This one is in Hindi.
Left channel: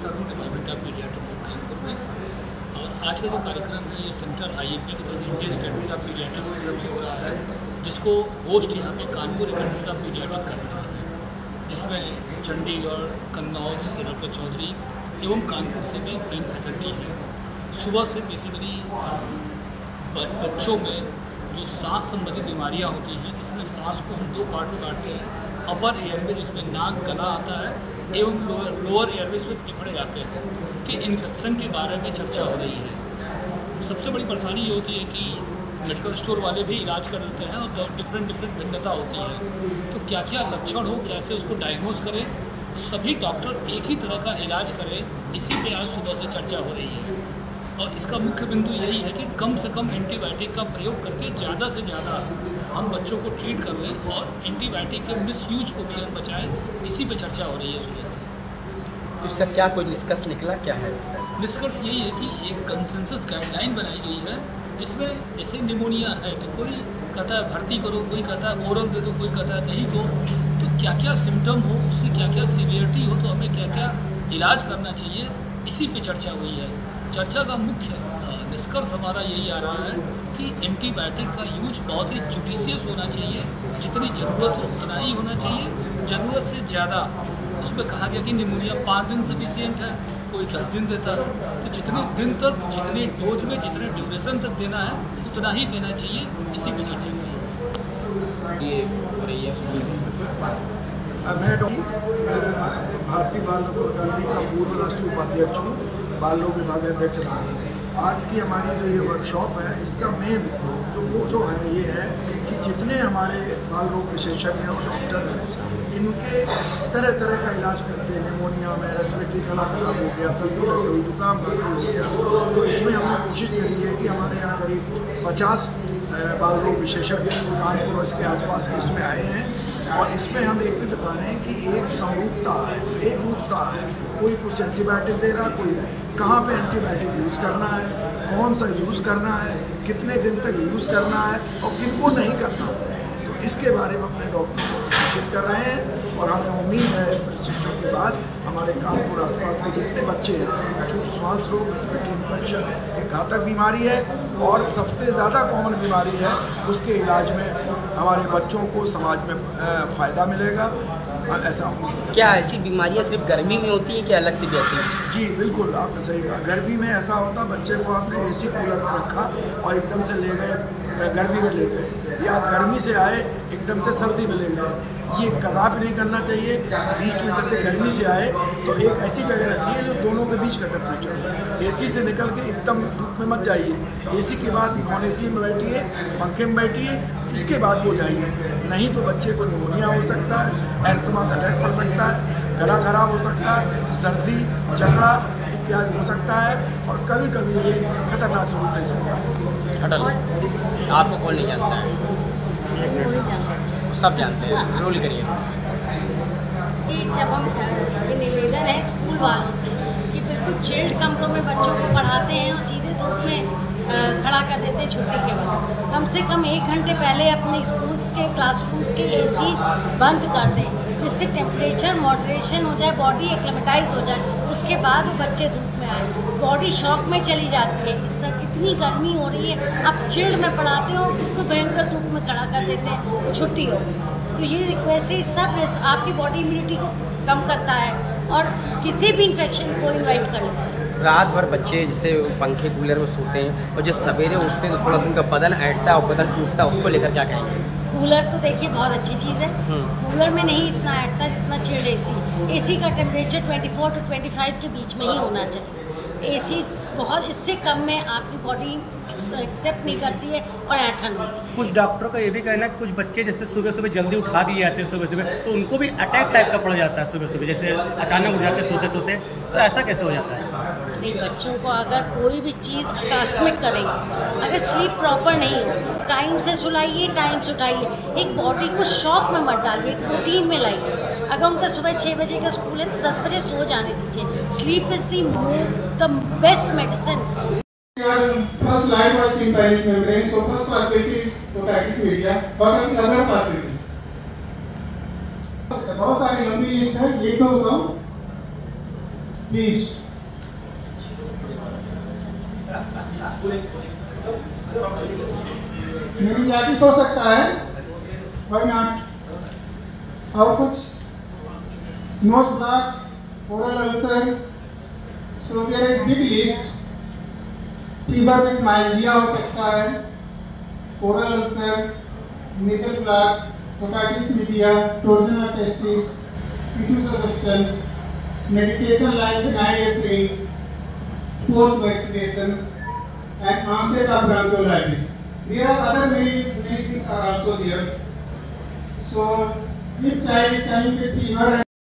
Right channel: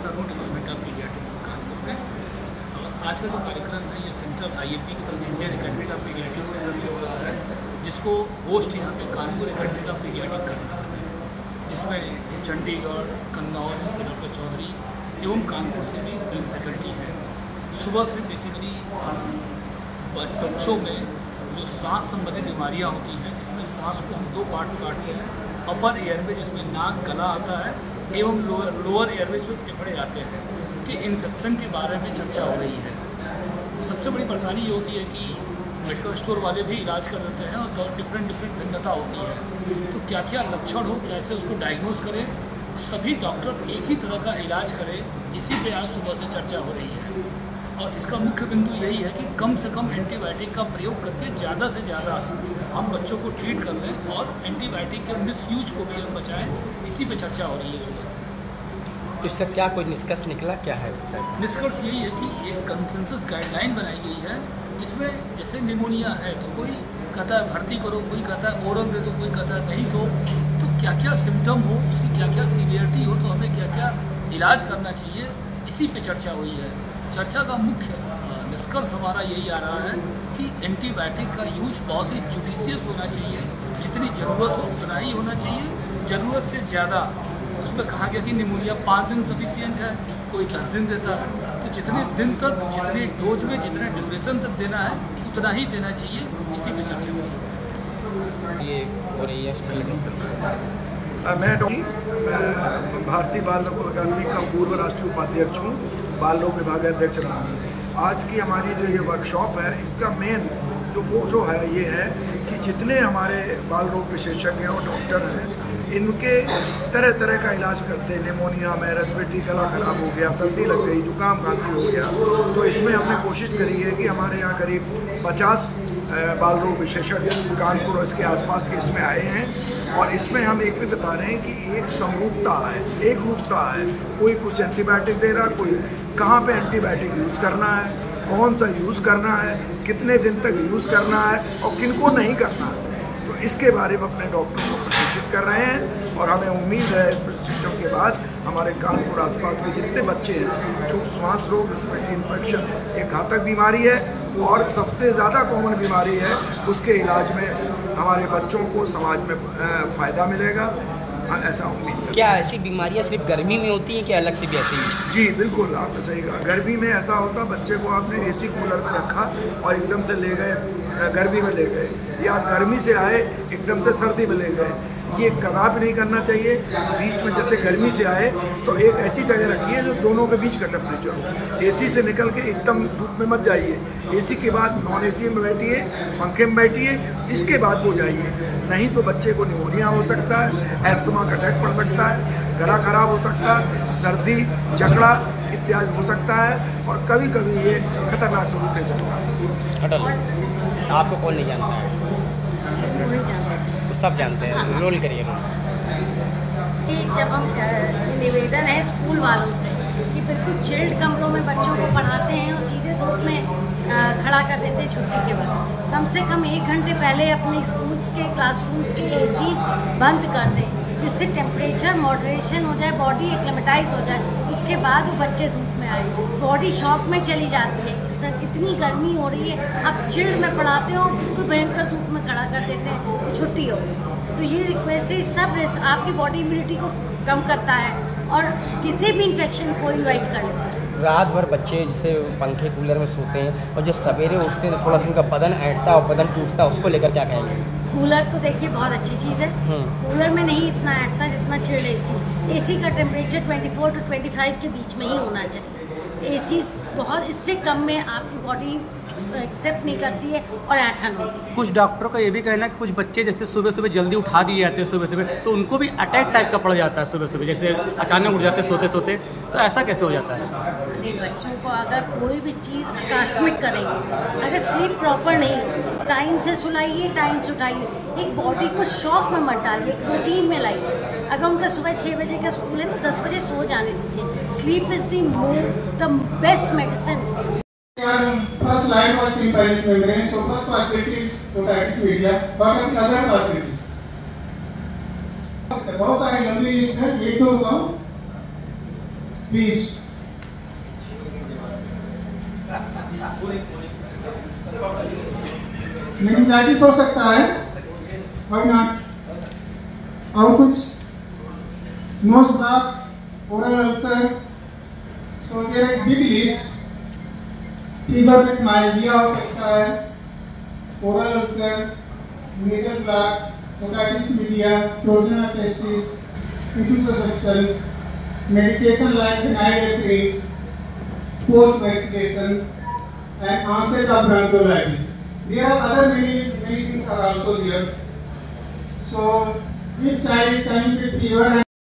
प्रोफेसर हूँ डिपार्टमेंट ऑफ पीडियाट्रिक्स कानपुर में। और आज का जो कार्यक्रम है ये सेंट्रल IAP की तरफ इंडियन अकेडमी ऑफ पीडियाट्रिक्स की तरफ से हो रहा है, जिसको होस्ट यहाँ पे कानपुर अकेडमी ऑफ पीडियाट्रिक कर रहा है, जिसमें चंडीगढ़, कन्नौज से डॉक्टर चौधरी एवं कानपुर से भी 3 फैकल्टी हैं। सुबह से बेसिकली बच्चों में जो सांस संबंधित बीमारियां होती हैं, जिसमें सांस को हम 2 पार्ट में बांटते हैं, अपर एयरवे जिसमें नाक गला आता है एवं लोअर एयरवे जिसमें फेफड़े आते हैं, कि इन्फेक्शन के बारे में चर्चा हो रही है। सबसे बड़ी परेशानी ये होती है कि मेडिकल स्टोर वाले भी इलाज कर देते हैं और डिफरेंट भिन्नता होती है, तो क्या क्या लक्षण हो, कैसे उसको डायग्नोज करें, सभी डॉक्टर एक ही तरह का इलाज करें, इसी पे आज सुबह से चर्चा हो रही है। और इसका मुख्य बिंदु यही है कि कम से कम एंटीबायोटिक का प्रयोग करके ज़्यादा से ज़्यादा हम बच्चों को ट्रीट कर लें और एंटीबायोटिक के मिसयूज को भी हम बचाएं, इसी पे चर्चा हो रही है सुबह से। इससे क्या कोई निष्कर्ष निकला, क्या है इसका? निष्कर्ष यही है कि एक कंसेंसस गाइडलाइन बनाई गई है, जिसमें जैसे निमोनिया है तो कोई कहता है भर्ती करो, कोई कहता है ओरल दे दो, कोई कहता है नहीं दो, तो क्या क्या सिम्टम हो, उसकी क्या क्या सीवियरिटी हो, तो हमें क्या क्या इलाज करना चाहिए, इसी पे चर्चा हुई है। चर्चा का मुख्य निष्कर्ष हमारा यही आ रहा है कि एंटीबायोटिक का यूज बहुत ही जुडिशियस होना चाहिए, जितनी ज़रूरत हो उतना ही होना चाहिए, ज़रूरत से ज़्यादा। उसमें कहा गया कि निमोनिया 5 दिन सफिशिएंट है, कोई 10 दिन देता है, तो जितने दिन तक, जितनी डोज में, जितने ड्यूरेशन तक देना है उतना ही देना चाहिए, इसी पे चर्चा हुई है। मैं भारतीय बाल रोग अकादमी का पूर्व राष्ट्रीय उपाध्यक्ष हूँ, बाल रोग विभाग अध्यक्ष रहा हूँ। आज की हमारी जो ये वर्कशॉप है, इसका मेन जो है ये है कि जितने हमारे बाल रोग विशेषज्ञ और डॉक्टर हैं, इनके तरह तरह का इलाज करते हैं। निमोनिया में रेस्पिरेटरी गला खराब हो गया, सर्दी लग गई, जुकाम खांसी हो गया, तो इसमें हमने कोशिश करी है कि हमारे यहाँ करीब 50 बाल रोग विशेषज्ञ कानपुर और इसके आसपास के इसमें आए हैं। और इसमें हम एक भी बता रहे हैं कि एक समरूपता है, एक रूपता है। कोई कुछ एंटीबायोटिक दे रहा, कोई कहाँ पे एंटीबायोटिक यूज़ करना है, कौन सा यूज़ करना है, कितने दिन तक यूज़ करना है और किनको नहीं करना है, तो इसके बारे में अपने डॉक्टर को प्रशिक्षित कर रहे हैं। और हमें उम्मीद है इस प्रशिक्षण के बाद हमारे कानपुर आसपास के जितने बच्चे हैं, जो श्वास रोग, रेस्पिरेटरी इन्फेक्शन एक घातक बीमारी है और सबसे ज़्यादा कॉमन बीमारी है, उसके इलाज में हमारे बच्चों को समाज में फ़ायदा मिलेगा, ऐसा उम्मीद करते हैं। क्या ऐसी बीमारियां सिर्फ गर्मी में होती है, क्या अलग से भी ऐसी? जी बिल्कुल, आपने सही कहा। गर्मी में ऐसा होता, बच्चे को आपने AC कूलर में रखा और एकदम से ले गए गर्मी में ले गए, या गर्मी से आए एकदम से सर्दी में ले गए, ये कदापि नहीं करना चाहिए। बीच में जैसे गर्मी से आए तो एक ऐसी जगह रखिए जो दोनों के बीच का टेम्परेचर हो। AC से निकल के एकदम धूप में मत जाइए, AC के बाद नॉन AC में बैठिए, पंखे में बैठिए, इसके बाद वो जाइए, नहीं तो बच्चे को निमोनिया हो सकता है, एस्थमा का अटैक पड़ सकता है, गला खराब हो सकता है, सर्दी, जकड़ा इत्यादि हो सकता है, और कभी कभी ये खतरनाक स्वरूप ले सकता है। आपको कौन नहीं जानता है? नहीं जानते, सब जानते हैं। रोल करिए। जब हम ये निवेदन है स्कूल वालों से कि बिल्कुल चिल्ड कमरों में बच्चों को पढ़ाते हैं और सीधे धूप में खड़ा कर देते हैं छुट्टी के वक्त, कम से कम 1 घंटे पहले अपने स्कूल्स के क्लासरूम्स के ACs बंद कर दें, जिससे टेम्परेचर मॉडरेशन हो जाए, बॉडी एक्लेमेटाइज हो जाए, उसके बाद वो बच्चे धूप में आए। बॉडी शॉक में चली जाती है, सर इतनी गर्मी हो रही है, आप चिल्ड में पढ़ाते हो, बिल्कुल भयंकर धूप में खड़ा कर देते हैं, छुट्टी हो। तो ये रिक्वेस्ट है, सब आपकी बॉडी इम्यूनिटी को कम करता है और किसी भी इन्फेक्शन को इन्वाइट कर लेता है। रात भर बच्चे जैसे पंखे कूलर में सोते हैं और जब सवेरे उठते हैं तो थोड़ा सा उनका बदन ऐंठता है और बदन टूटता है, उसको लेकर क्या कहेंगे? कूलर तो देखिए बहुत अच्छी चीज़ है, कूलर में नहीं इतना ऐंठता जितना चिल्ड AC का टेम्परेचर 24 to 25 के बीच में ही होना चाहिए। AC बहुत, इससे कम में आपकी बॉडी एक्सेप्ट नहीं करती है और ऐंठन होती है। कुछ डॉक्टरों का ये भी कहना है कि कुछ बच्चे जैसे सुबह सुबह जल्दी उठा दिए जाते हैं सुबह, तो उनको भी अटैक टाइप का पड़ जाता है सुबह, जैसे अचानक उठ जाते सोते सोते, तो ऐसा कैसे हो जाता है? नहीं, बच्चों को अगर कोई भी चीज़ आकस्मिक करेंगे, अगर स्लीप प्रॉपर नहीं हो, टाइम से सुलाइए, टाइम से उठाइए, एक बॉडी को शॉक में मत डालिए, एक रूटीन में लाइए। अगर उनका सुबह 6 बजे का स्कूल है तो 10 बजे सो जाने दीजिए। Sleep is the best medicine. First slide was tympanic membrane, so first facility is otitis media. What are the other facilities? बहुत सारी लंबी लिस्ट है, एक दो बताऊं। Please. Meningitis हो सकता है, why not? और कुछ nose block, oral ulcer, so there is a big list. Fever with myalgia हो सकता है, oral ulcer, nasal block, otitis media, torsion of testis, intussusception, medication like phenylephrine, post-vaccination, and onset of bronchiolitis. There are other many things are also there. So if child is coming with fever